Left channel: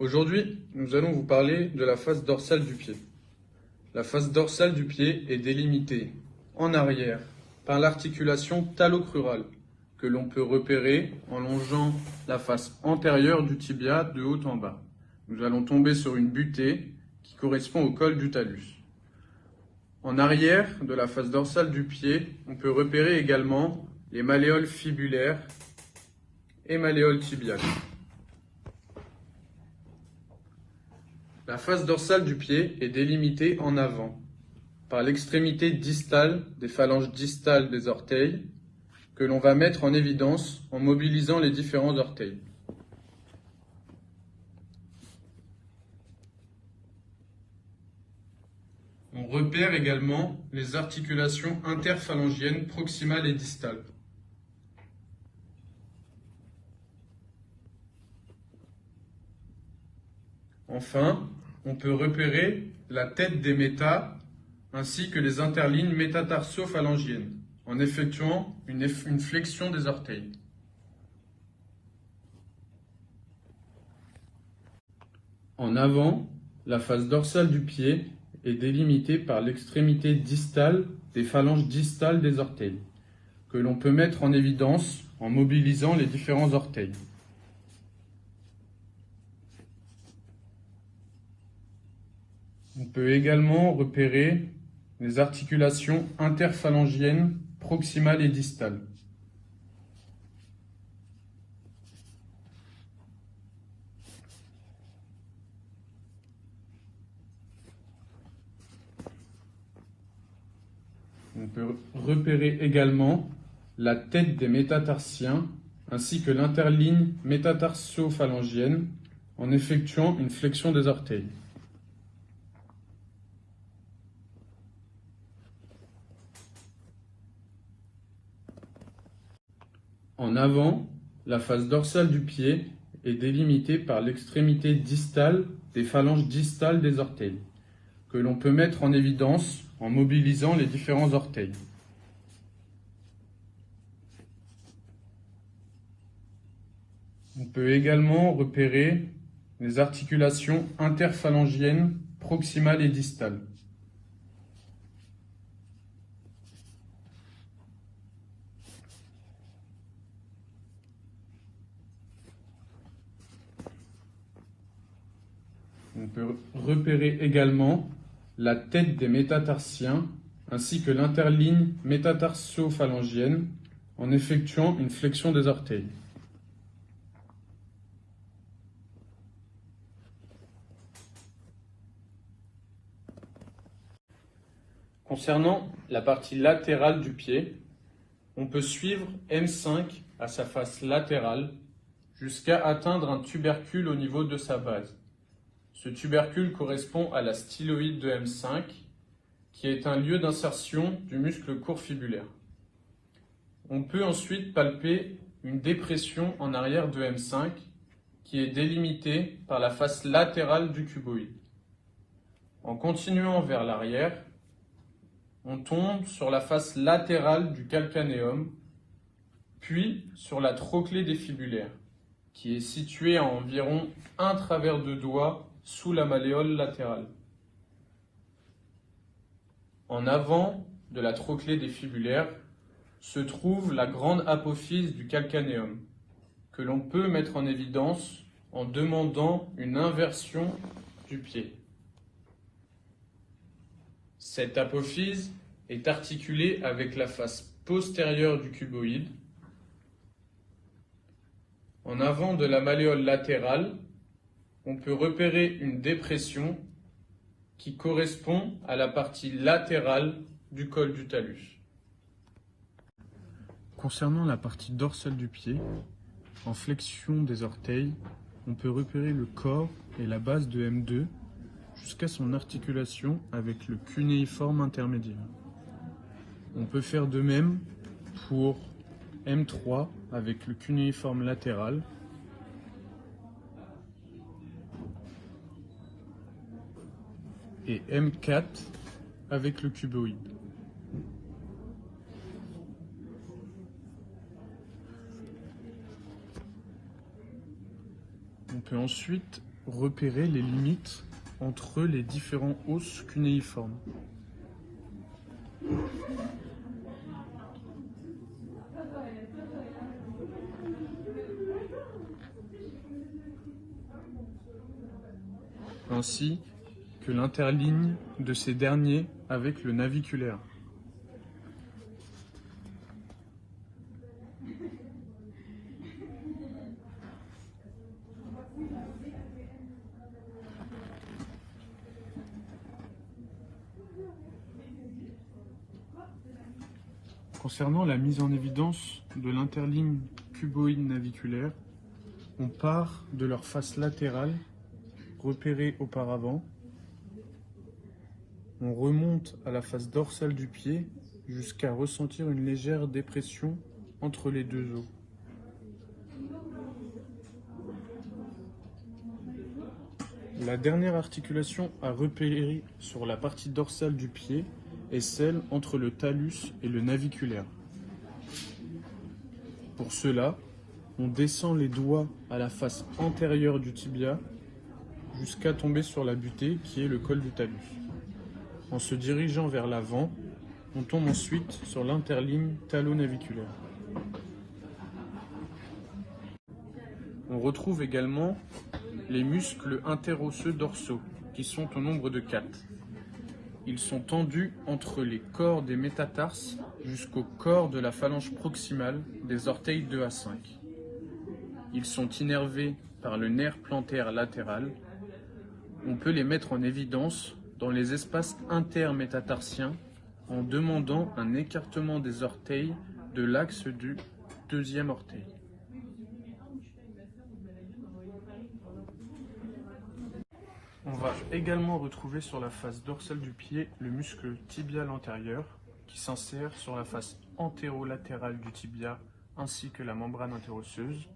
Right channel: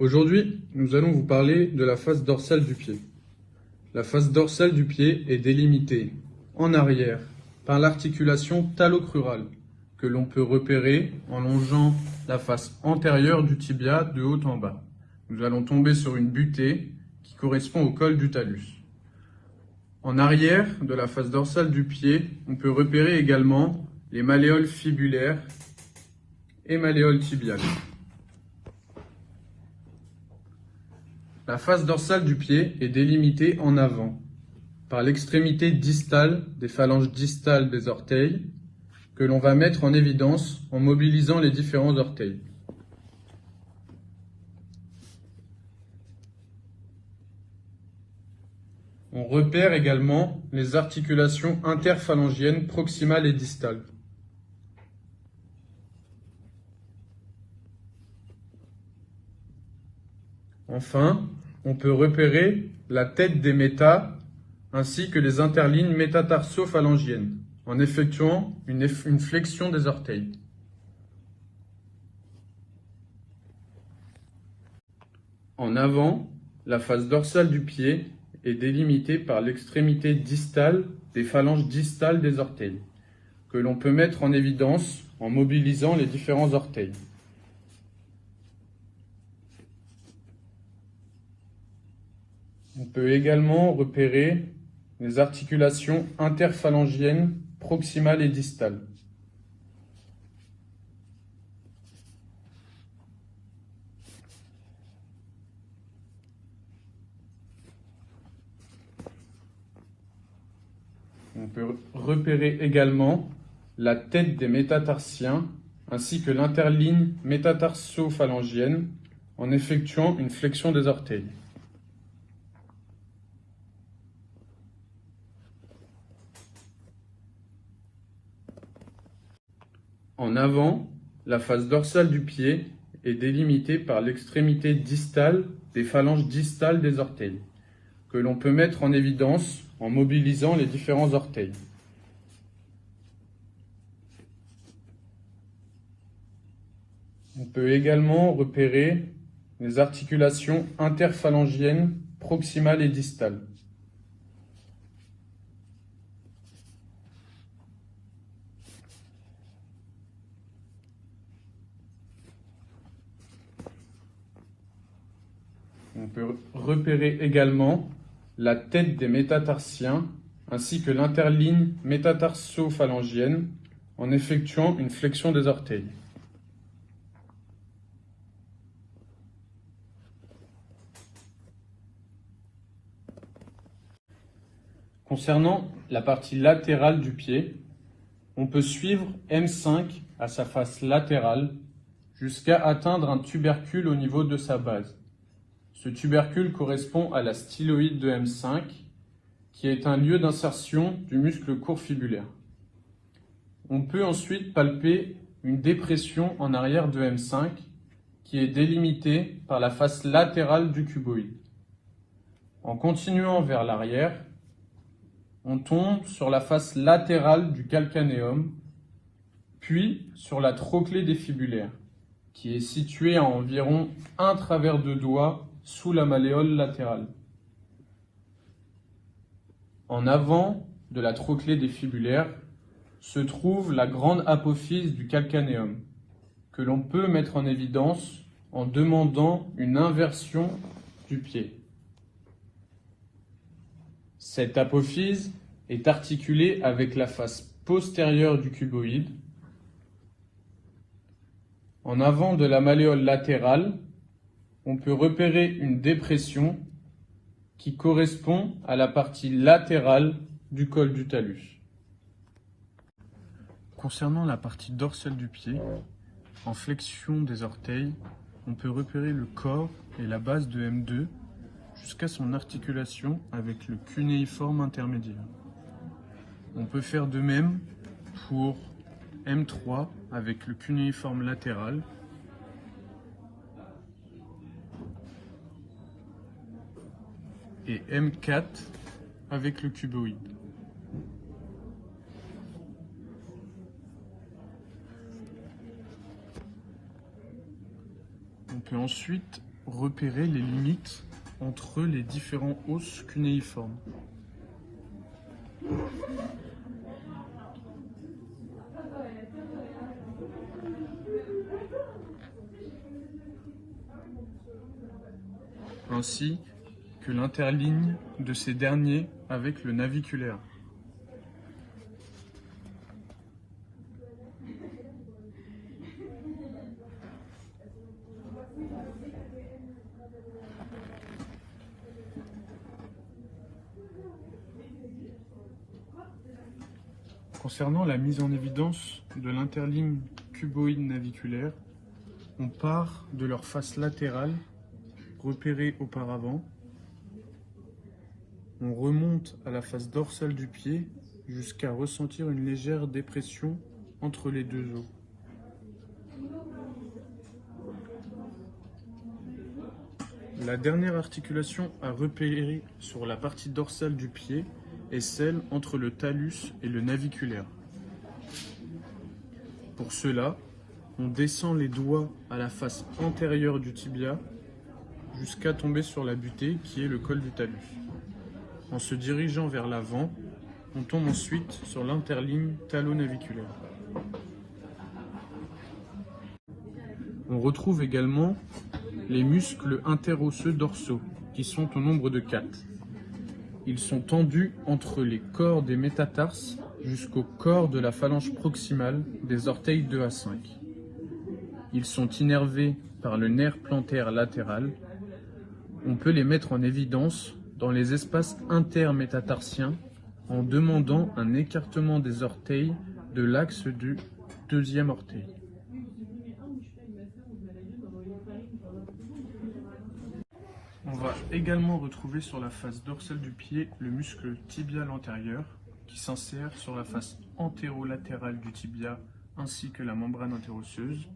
Aujourd'hui, nous allons vous parler de la face dorsale du pied. La face dorsale du pied est délimitée en arrière par l'articulation talocrurale que l'on peut repérer en longeant la face antérieure du tibia de haut en bas. Nous allons tomber sur une butée qui correspond au col du talus. En arrière de la face dorsale du pied, on peut repérer également les malléoles fibulaires et malléoles tibiales. La face dorsale du pied est délimitée en avant par l'extrémité distale des phalanges distales des orteils que l'on va mettre en évidence en mobilisant les différents orteils. On repère également les articulations interphalangiennes proximales et distales. Enfin, on peut repérer la tête des métas ainsi que les interlignes métatarso-phalangiennes en effectuant une flexion des orteils. En avant, la face dorsale du pied est délimitée par l'extrémité distale des phalanges distales des orteils, que l'on peut mettre en évidence en mobilisant les différents orteils. On peut également repérer les articulations interphalangiennes proximales et distales. On peut repérer également la tête des métatarsiens ainsi que l'interligne métatarso-phalangienne en effectuant une flexion des orteils. En avant, la face dorsale du pied est délimitée par l'extrémité distale des phalanges distales des orteils, que l'on peut mettre en évidence en mobilisant les différents orteils. On peut également repérer les articulations interphalangiennes proximales et distales. On peut repérer également la tête des métatarsiens ainsi que l'interligne métatarso-phalangienne en effectuant une flexion des orteils. Concernant la partie latérale du pied, on peut suivre M5 à sa face latérale jusqu'à atteindre un tubercule au niveau de sa base. Ce tubercule correspond à la styloïde de M5, qui est un lieu d'insertion du muscle court fibulaire. On peut ensuite palper une dépression en arrière de M5, qui est délimitée par la face latérale du cuboïde. En continuant vers l'arrière, on tombe sur la face latérale du calcanéum, puis sur la trochlée des fibulaires, qui est située à environ un travers de doigt sous la malléole latérale. En avant de la trochlée des fibulaires se trouve la grande apophyse du calcanéum, que l'on peut mettre en évidence en demandant une inversion du pied. Cette apophyse est articulée avec la face postérieure du cuboïde. En avant de la malléole latérale, on peut repérer une dépression qui correspond à la partie latérale du col du talus. Concernant la partie dorsale du pied, en flexion des orteils, on peut repérer le corps et la base de M2 jusqu'à son articulation avec le cunéiforme intermédiaire. On peut faire de même pour M3 avec le cunéiforme latéral et M4 avec le cuboïde. On peut ensuite repérer les limites entre les différents os cunéiformes. Ainsi que l'interligne de ces derniers avec le naviculaire. Concernant la mise en évidence de l'interligne cuboïde naviculaire, on part de leur face latérale, repérée auparavant. On remonte à la face dorsale du pied jusqu'à ressentir une légère dépression entre les deux os. La dernière articulation à repérer sur la partie dorsale du pied est celle entre le talus et le naviculaire. Pour cela, on descend les doigts à la face antérieure du tibia jusqu'à tomber sur la butée qui est le col du talus. En se dirigeant vers l'avant, on tombe ensuite sur l'interligne talonaviculaire. On retrouve également les muscles interosseux dorsaux, qui sont au nombre de 4. Ils sont tendus entre les corps des métatarses jusqu'au corps de la phalange proximale des orteils 2 à 5. Ils sont innervés par le nerf plantaire latéral. On peut les mettre en évidence dans les espaces intermétatarsiens en demandant un écartement des orteils de l'axe du deuxième orteil. On va également retrouver sur la face dorsale du pied le muscle tibial antérieur qui s'insère sur la face antérolatérale du tibia ainsi que la membrane interosseuse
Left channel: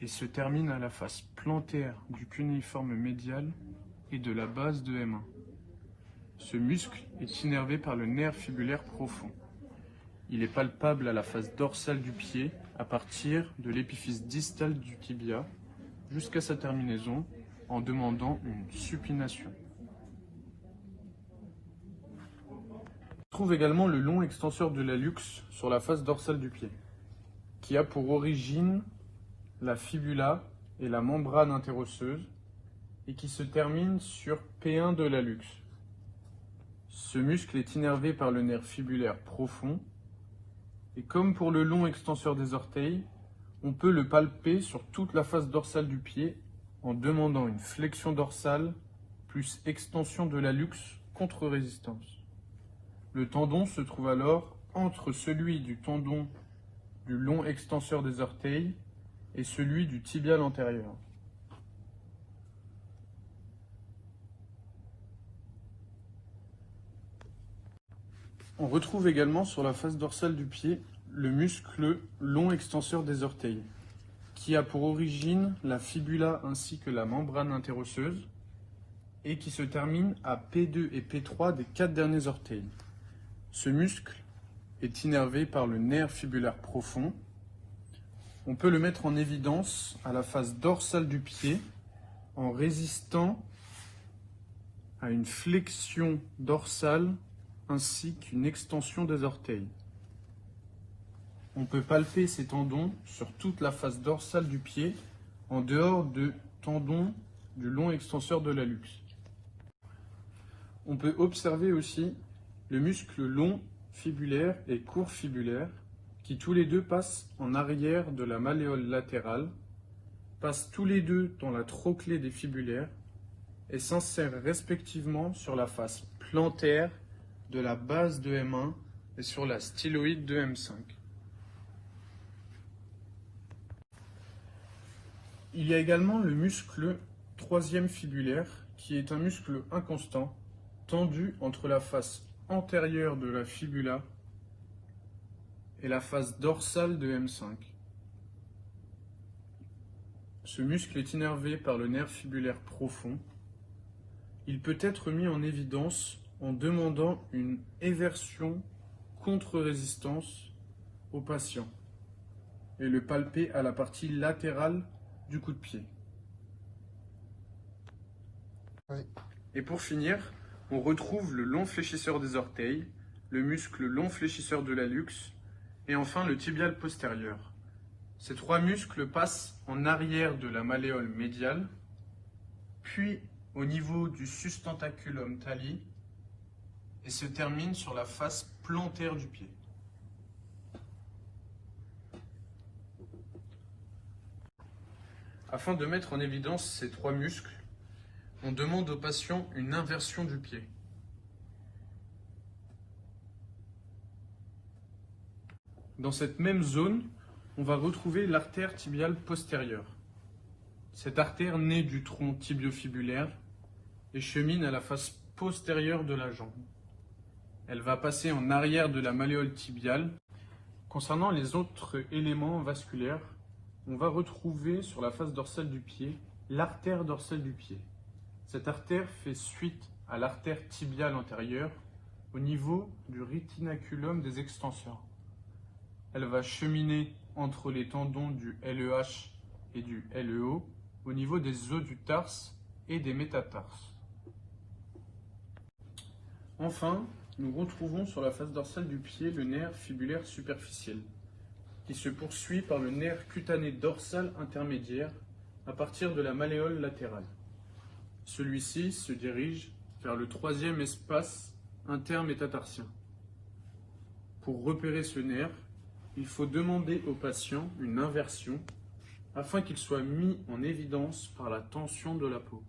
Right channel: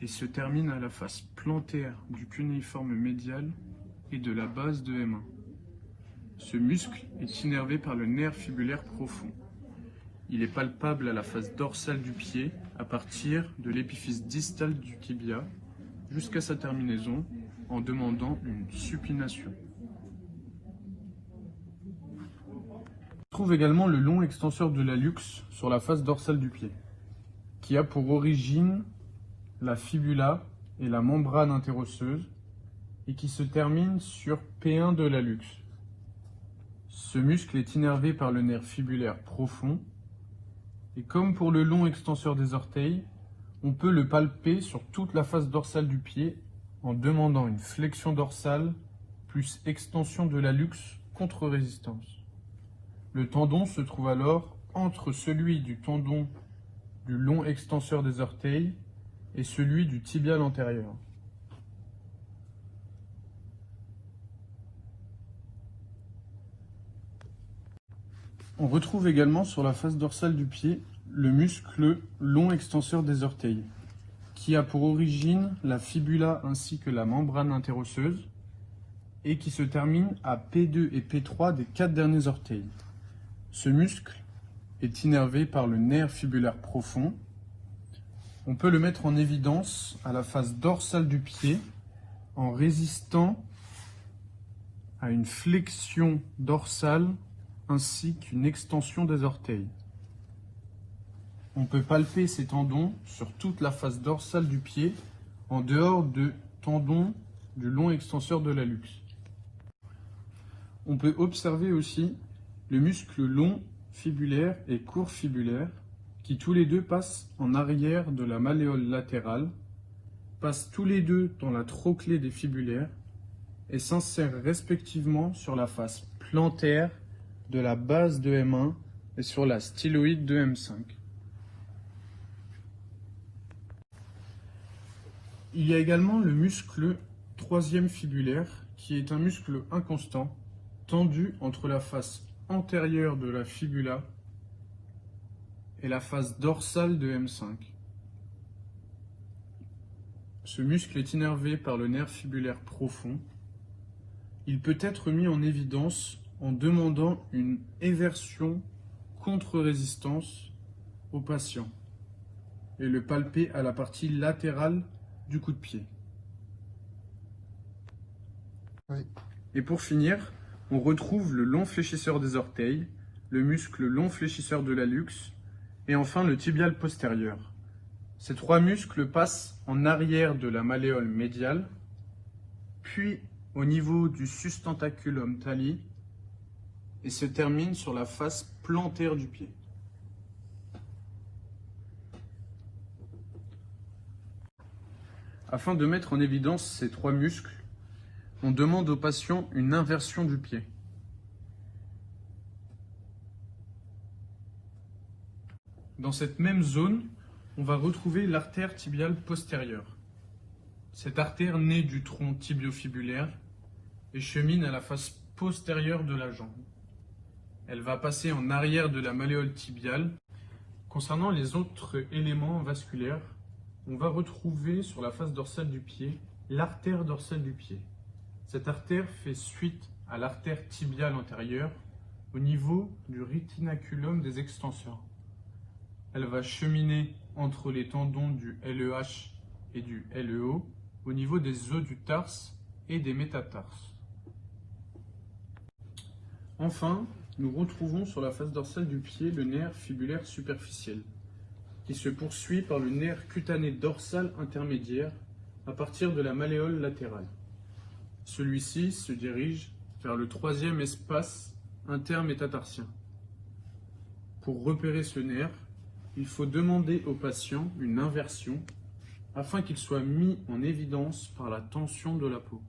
et se termine à la face plantaire du cunéiforme médial et de la base de M1. Ce muscle est innervé par le nerf fibulaire profond. Il est palpable à la face dorsale du pied à partir de l'épiphyse distale du tibia jusqu'à sa terminaison en demandant une supination. On trouve également le long extenseur de l'hallux sur la face dorsale du pied, qui a pour origine la fibula et la membrane interosseuse et qui se termine sur P1 de l'hallux. Ce muscle est innervé par le nerf fibulaire profond et comme pour le long extenseur des orteils, on peut le palper sur toute la face dorsale du pied en demandant une flexion dorsale plus extension de l'hallux contre résistance. Le tendon se trouve alors entre celui du tendon du long extenseur des orteils et celui du tibial antérieur. On retrouve également sur la face dorsale du pied le muscle long extenseur des orteils, qui a pour origine la fibula ainsi que la membrane interosseuse et qui se termine à P2 et P3 des 4 derniers orteils. Ce muscle est innervé par le nerf fibulaire profond. On peut le mettre en évidence à la face dorsale du pied en résistant à une flexion dorsale ainsi qu'une extension des orteils. On peut palper ces tendons sur toute la face dorsale du pied en dehors de tendons du long extenseur de l'hallux. On peut observer aussi le muscle long fibulaire et court fibulaire qui tous les deux passent en arrière de la malléole latérale, passent tous les deux dans la trochlée des fibulaires et s'insèrent respectivement sur la face plantaire de la base de M1 et sur la styloïde de M5. Il y a également le muscle troisième fibulaire qui est un muscle inconstant tendu entre la face antérieure de la fibula et la face dorsale de M5. Ce muscle est innervé par le nerf fibulaire profond. Il peut être mis en évidence en demandant une éversion contre-résistance au patient et le palper à la partie latérale du coup de pied. Et pour finir, on retrouve le long fléchisseur des orteils, le muscle long fléchisseur de l'hallux et enfin le tibial postérieur. Ces trois muscles passent en arrière de la malléole médiale, puis au niveau du sustentaculum thalli et se terminent sur la face plantaire du pied. Afin de mettre en évidence ces trois muscles, on demande au patient une inversion du pied. Dans cette même zone, on va retrouver l'artère tibiale postérieure. Cette artère naît du tronc tibiofibulaire et chemine à la face postérieure de la jambe. Elle va passer en arrière de la malléole tibiale. Concernant les autres éléments vasculaires, on va retrouver sur la face dorsale du pied l'artère dorsale du pied. Cette artère fait suite à l'artère tibiale antérieure au niveau du rétinaculum des extenseurs. Elle va cheminer entre les tendons du LEH et du LEO au niveau des os du tarse et des métatarses. Enfin, nous retrouvons sur la face dorsale du pied le nerf fibulaire superficiel, qui se poursuit par le nerf cutané dorsal intermédiaire à partir de la malléole latérale. Celui-ci se dirige vers le troisième espace intermétatarsien. Pour repérer ce nerf, il faut demander au patient une inversion afin qu'il soit mis en évidence par la tension de la peau.